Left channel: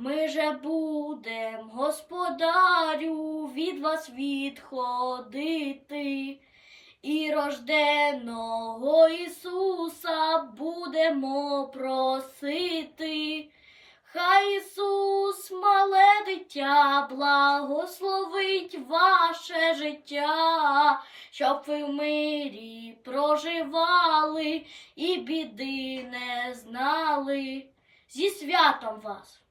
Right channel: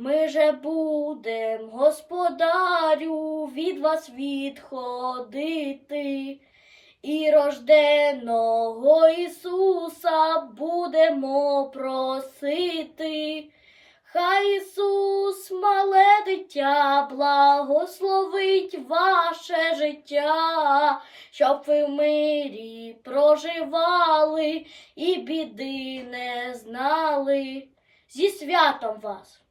Ми же будем, господарю, від вас відходити. І рожденого Ісуса будемо просити. Хай Ісус, мале дитя, благословить ваше життя, щоб ви в мирі проживали і біди не знали. Зі святом вас!